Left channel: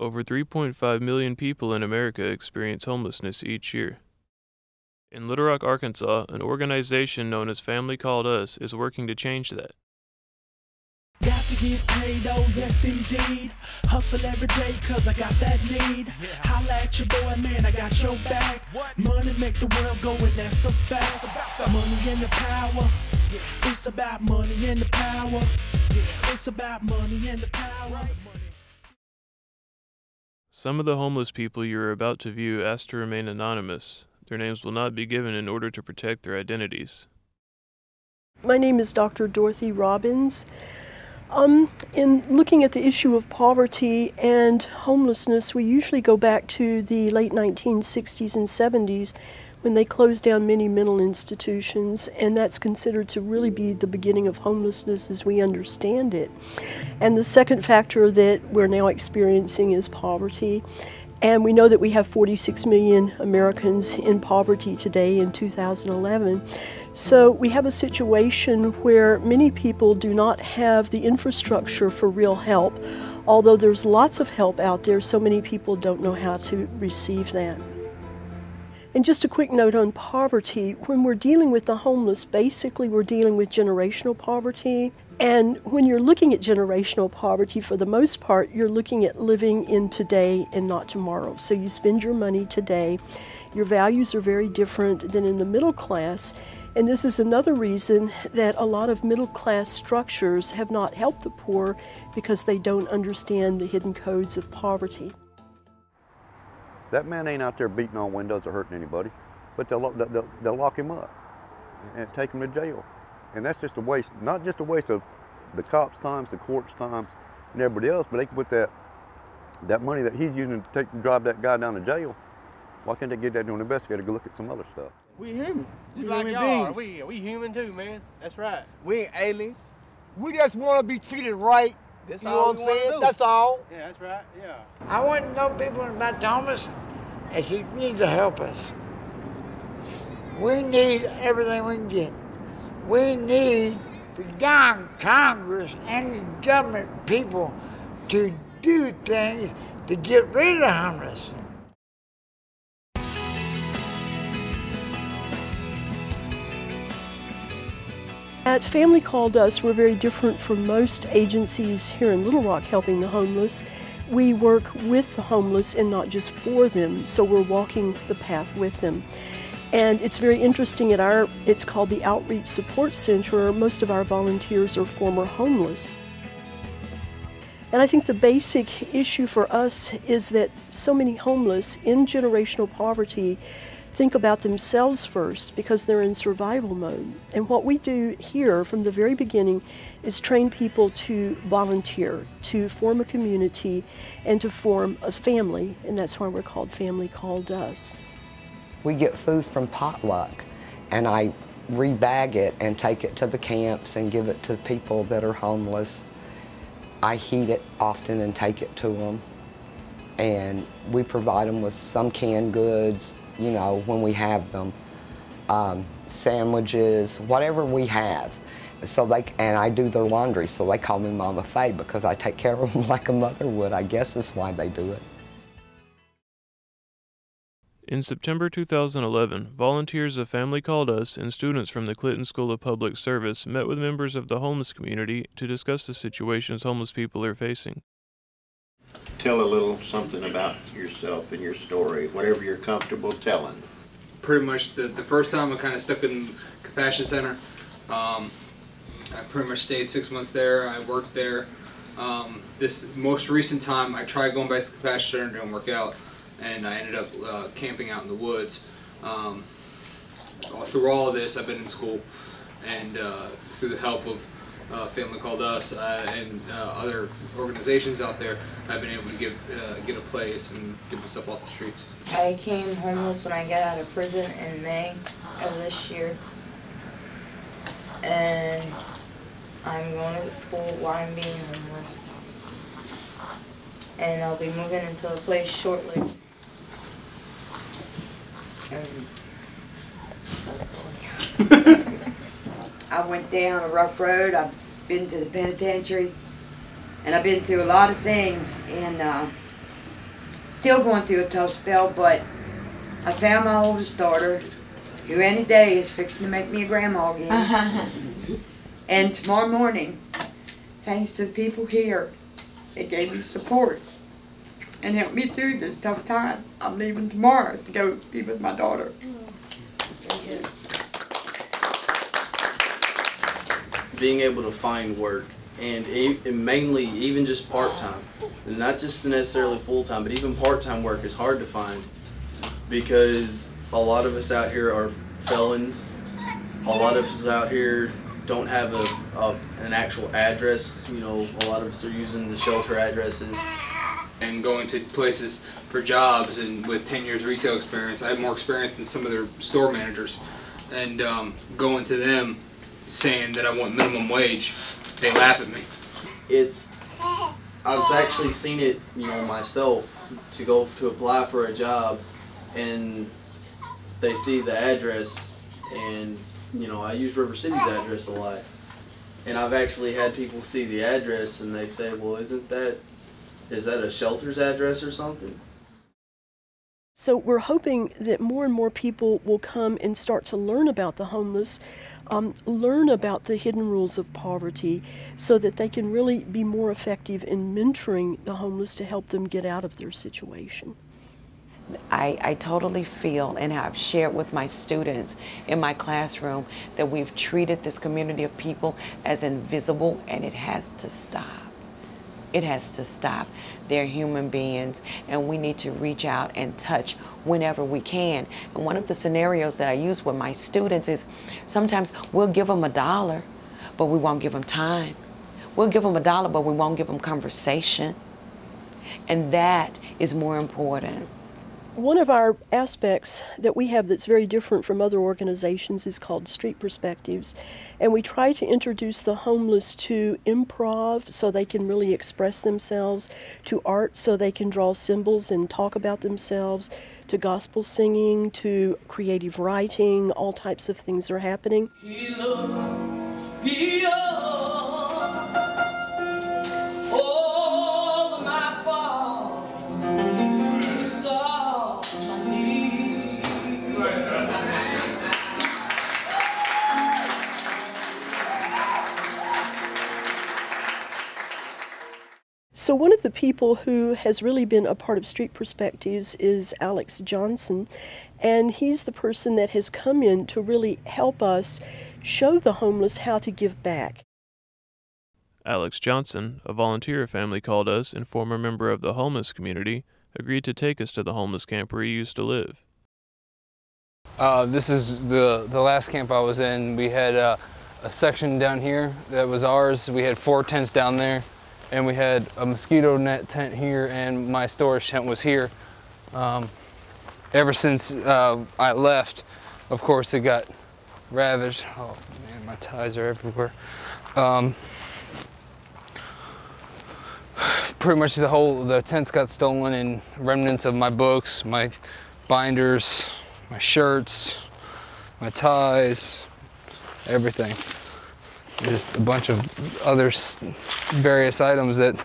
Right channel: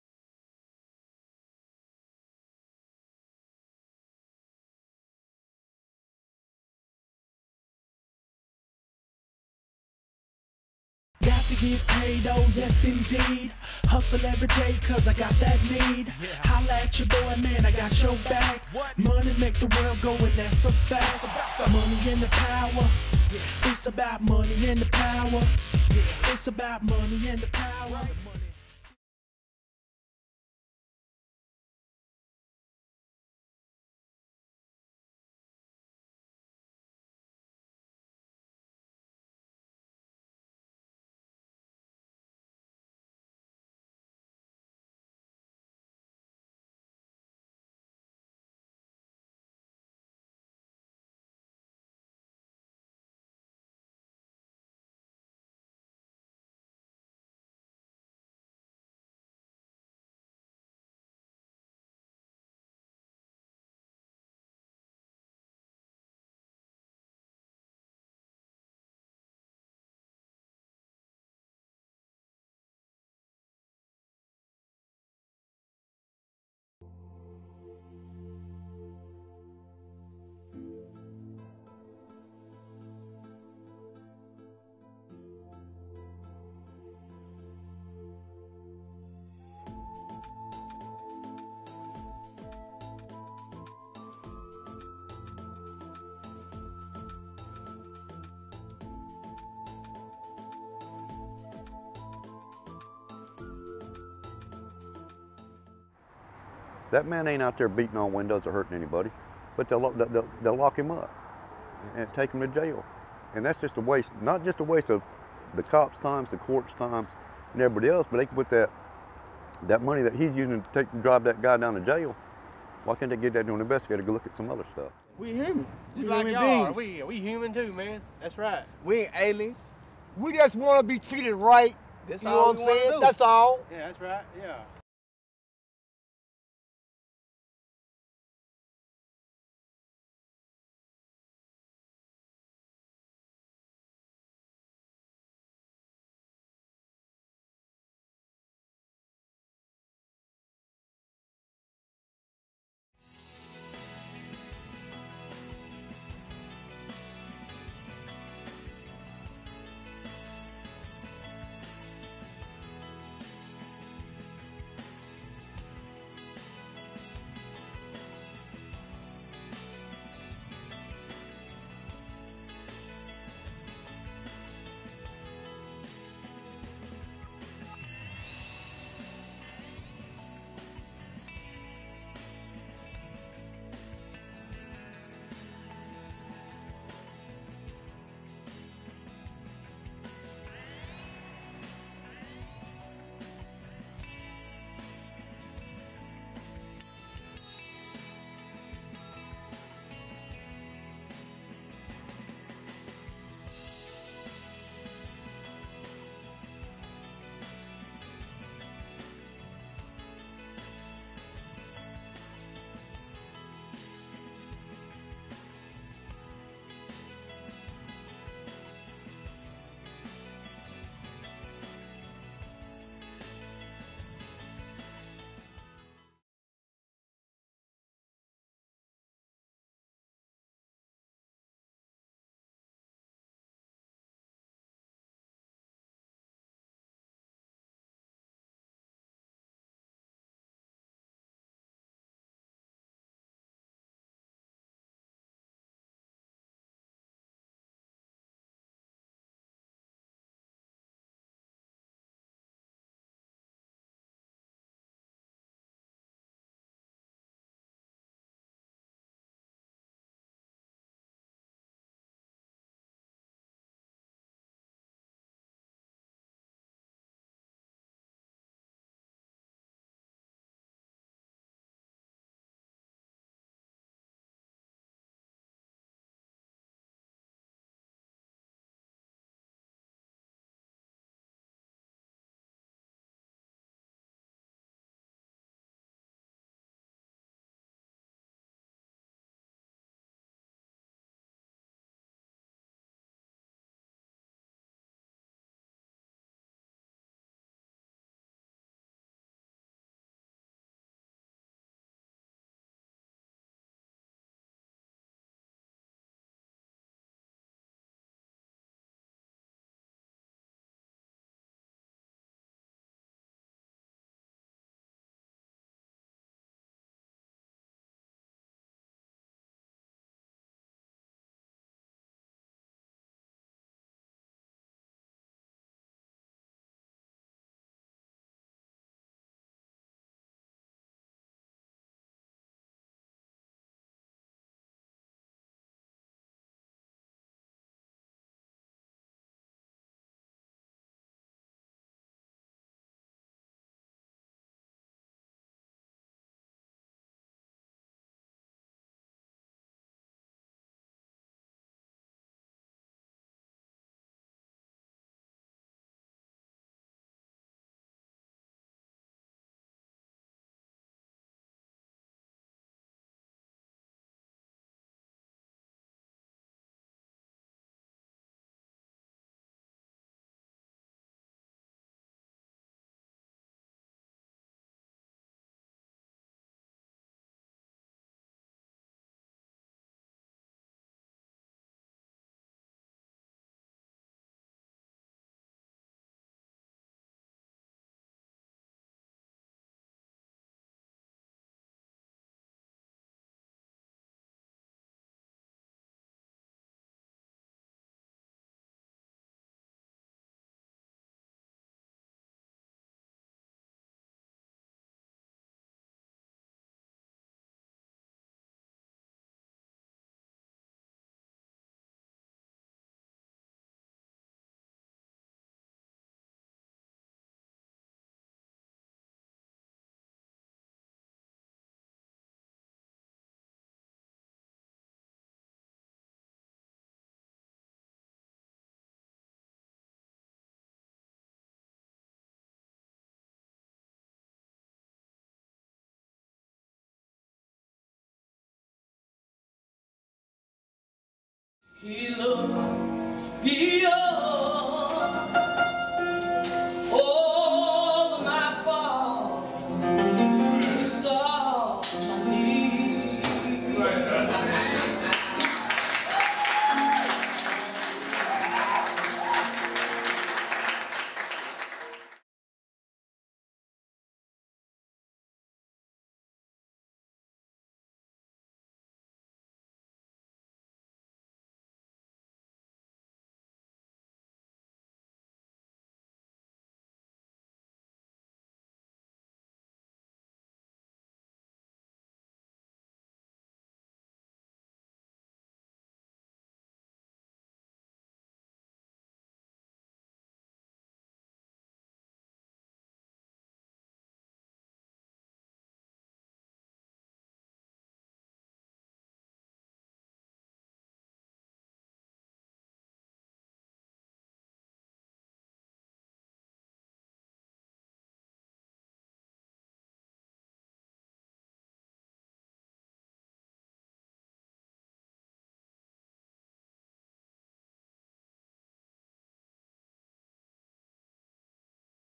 Over 3.5 million people in America experience homelessness each year. In Little Rock, Arkansas, an organization known as Family Called Us is working to change that. Got to get paid, oh yes indeed. Hustle every day cause I got that need. Holla at your boy, man, I got your back. Money make the world go and that's so fast. Money and the power. It's about money and the power. It's about money and the power. Some of the homeless people you are about to view ask to remain anonymous. Their names will not be given in order to protect their identities. My name is Dr. Dorothy Robbins. In looking at the issue of poverty and homelessness, we usually go back to the late 1960s and 70s when they closed down many mental institutions, and that's considered to really be the beginning of homelessness as we understand it. And the second factor that we're now experiencing is poverty. And we know that we have 46 million Americans in poverty today in 2011. So we have a situation where many people do not have the infrastructure for real help. Although there's lots of help out there, so many people don't know how to receive that. And just a quick note on poverty, when we're dealing with the homeless, basically we're dealing with generational poverty. And when you're looking at generational poverty, for the most part, you're looking at living in today and not tomorrow. So you spend your money today. Your values are very different than in the middle class. And this is another reason that a lot of middle class structures have not helped the poor, because they don't understand the hidden codes of poverty. That man ain't out there beating on windows or hurting anybody, but they'll lock him up and take him to jail. And that's just a waste, not just a waste of the cops' times, the courts' times, and everybody else, but they can put that money that he's using to drive that guy down to jail. Why can't they get that to an investigator to go look at some other stuff? We human. We like human y'all. beings. We human too, man. That's right. We ain't aliens. We just want to be treated right. That's you know all what I'm we wanna saying? do. That's all. Yeah, that's right. Yeah. I want to know people about the homeless, and you need to help us. We need everything we can get. We need for young Congress and the government people to do things to get rid of the homeless. At Family Called Us, we're very different from most agencies here in Little Rock helping the homeless. We work with the homeless and not just for them, so we're walking the path with them. And it's very interesting it's called the Outreach Support Center. Most of our volunteers are former homeless. And I think the basic issue for us is that so many homeless in generational poverty think about themselves first because they're in survival mode. And what we do here from the very beginning is train people to volunteer, to form a community, and to form a family, and that's why we're called Family Called Us. We get food from potluck, and I rebag it and take it to the camps and give it to people that are homeless. I heat it often and take it to them, and we provide them with some canned goods, you know, when we have them, sandwiches, whatever we have. So and I do their laundry, so they call me Mama Faye because I take care of them like a mother would. I guess that's why they do it. In September 2011, volunteers of Family Called Us and students from the Clinton School of Public Service met with members of the homeless community to discuss the situations homeless people are facing. Tell a little something about yourself and your story, whatever you're comfortable telling. Pretty much the first time I kind of stuck in Compassion Center. I pretty much stayed 6 months there. I worked there. This most recent time, I tried going back to Compassion Center, didn't work out, and I ended up camping out in the woods. Through all of this, I've been in school, and through the help of Family Called Us and other organizations out there, I've been able to get a place and get myself off the streets. I became homeless when I got out of prison in May of this year, and I'm going to school while I'm being homeless, and I'll be moving into a place shortly. I went down a rough road. I've been to the penitentiary, and I've been through a lot of things, and still going through a tough spell, but I found my oldest daughter, who any day is fixing to make me a grandma again. And tomorrow morning, thanks to the people here, they gave me support and helped me through this tough time. I'm leaving tomorrow to go be with my daughter. Being able to find work, and mainly even just part-time, and not just necessarily full-time, but even part-time work is hard to find because a lot of us out here are felons. A lot of us out here don't have an actual address. You know, a lot of us are using the shelter addresses. And going to places for jobs, and with 10 years retail experience, I have more experience than some of their store managers. And going to them saying that I want minimum wage, they laugh at me. I've actually seen it, you know, myself, to go to apply for a job, and they see the address, and you know, I use River City's address a lot, and I've actually had people see the address and they say, well, is that a shelter's address or something? So we're hoping that more and more people will come and start to learn about the homeless, learn about the hidden rules of poverty, so that they can really be more effective in mentoring the homeless to help them get out of their situation. I totally feel, and I've shared with my students in my classroom, that we've treated this community of people as invisible, and it has to stop. It has to stop. They're human beings, and we need to reach out and touch whenever we can. And one of the scenarios that I use with my students is sometimes we'll give them $1, but we won't give them time. We'll give them $1, but we won't give them conversation. And that is more important. One of our aspects that we have that's very different from other organizations is called Street Perspectives, and we try to introduce the homeless to improv so they can really express themselves, to art so they can draw symbols and talk about themselves, to gospel singing, to creative writing. All types of things are happening. So one of the people who has really been a part of Street Perspectives is Alex Johnson, and he's the person that has come in to really help us show the homeless how to give back. Alex Johnson, a volunteer family called us and former member of the homeless community, agreed to take us to the homeless camp where he used to live. This is the last camp I was in. We had a section down here that was ours. We had 4 tents down there, and we had a mosquito net tent here, and my storage tent was here. Ever since I left, of course, it got ravaged. Oh man, my ties are everywhere. Pretty much the tents got stolen, and remnants of my books, my binders, my shirts, my ties, everything. Just a bunch of other various items that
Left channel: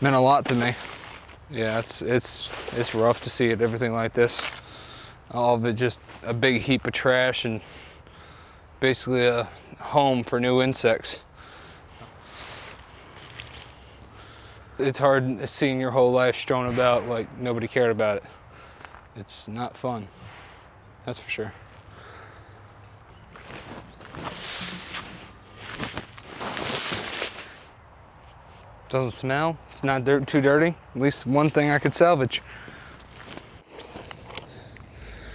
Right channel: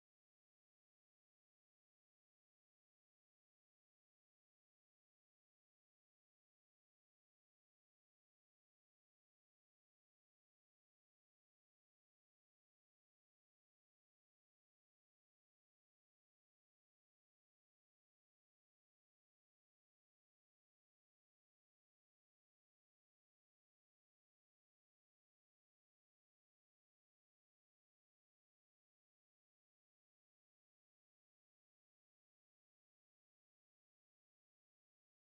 meant a lot to me. Yeah, it's rough to see it, everything like this. All of it just a big heap of trash and basically a home for new insects. It's hard seeing your whole life strewn about like nobody cared about it. It's not fun, that's for sure. Doesn't smell, it's not too dirty. At least one thing I could salvage.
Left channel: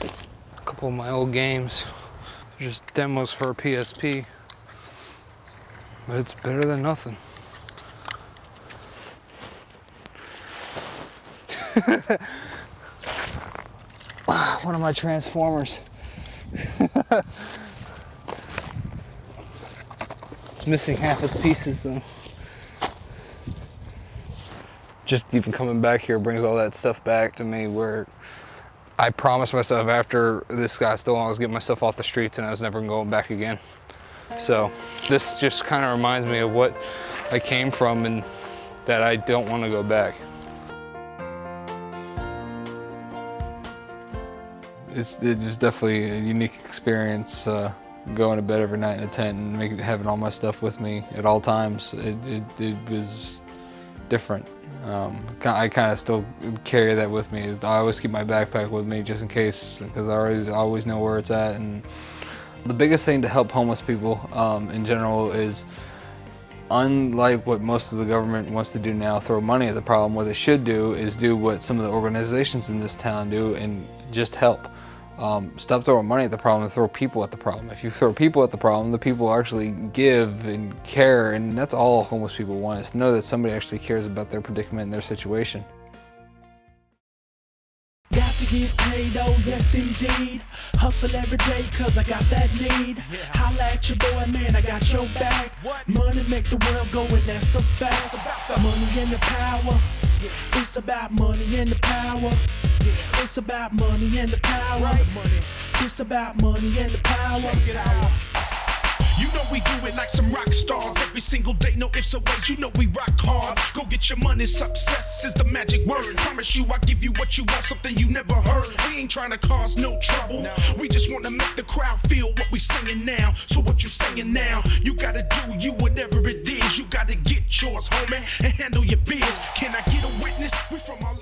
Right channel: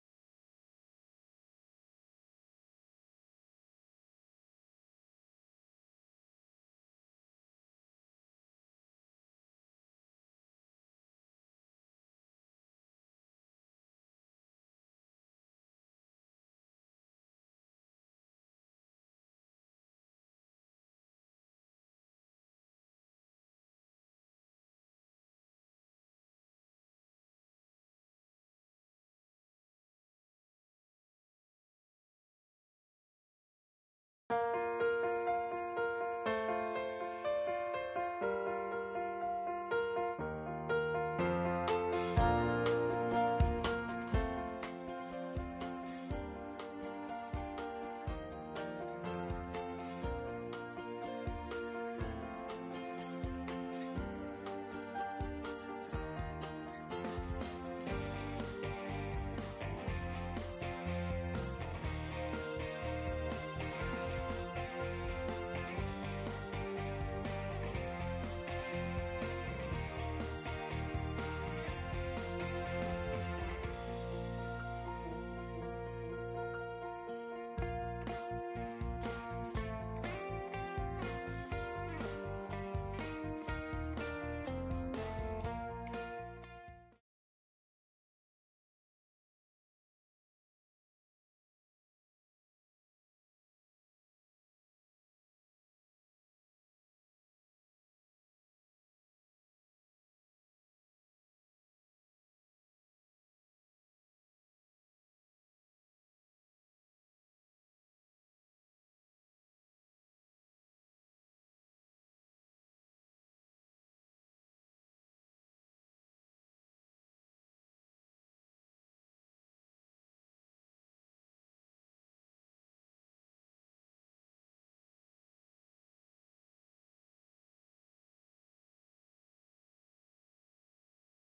A couple of my old games, just demos for a PSP. But it's better than nothing. One of my Transformers. It's missing half its pieces though. Just even coming back here brings all that stuff back to me, where I promised myself after this got stolen I was getting myself off the streets and I was never going back again. So this just kind of reminds me of what I came from and that I don't want to go back. It was definitely a unique experience, going to bed every night in a tent and having all my stuff with me at all times. It was different. I kind of still carry that with me. I always keep my backpack with me just in case, because I always know where it's at. And the biggest thing to help homeless people in general is, unlike what most of the government wants to do now, throw money at the problem, what they should do is do what some of the organizations in this town do and just help. Stop throwing money at the problem and throw people at the problem. If you throw people at the problem, the people actually give and care, and that's all homeless people want, is to know that somebody actually cares about their predicament and their situation. Got to get paid, oh yes indeed. Hustle every day cause I got that need. Holla at your boy, man, I got your back. Money make the world go and that's so fast. Money and the power. It's about money and the power. It's about money and the power. It's about money and the power. You know we do it like some rock stars every single day, no ifs or ways. You know we rock hard. Go get your money, success is the magic word. Promise you I give you what you want, something you never heard. We ain't trying to cause no trouble. We just want to make the crowd feel what we singing now. So what you saying now? You gotta do you whatever it is. You gotta get yours, homie, and handle your biz. Can I get a witness? We from all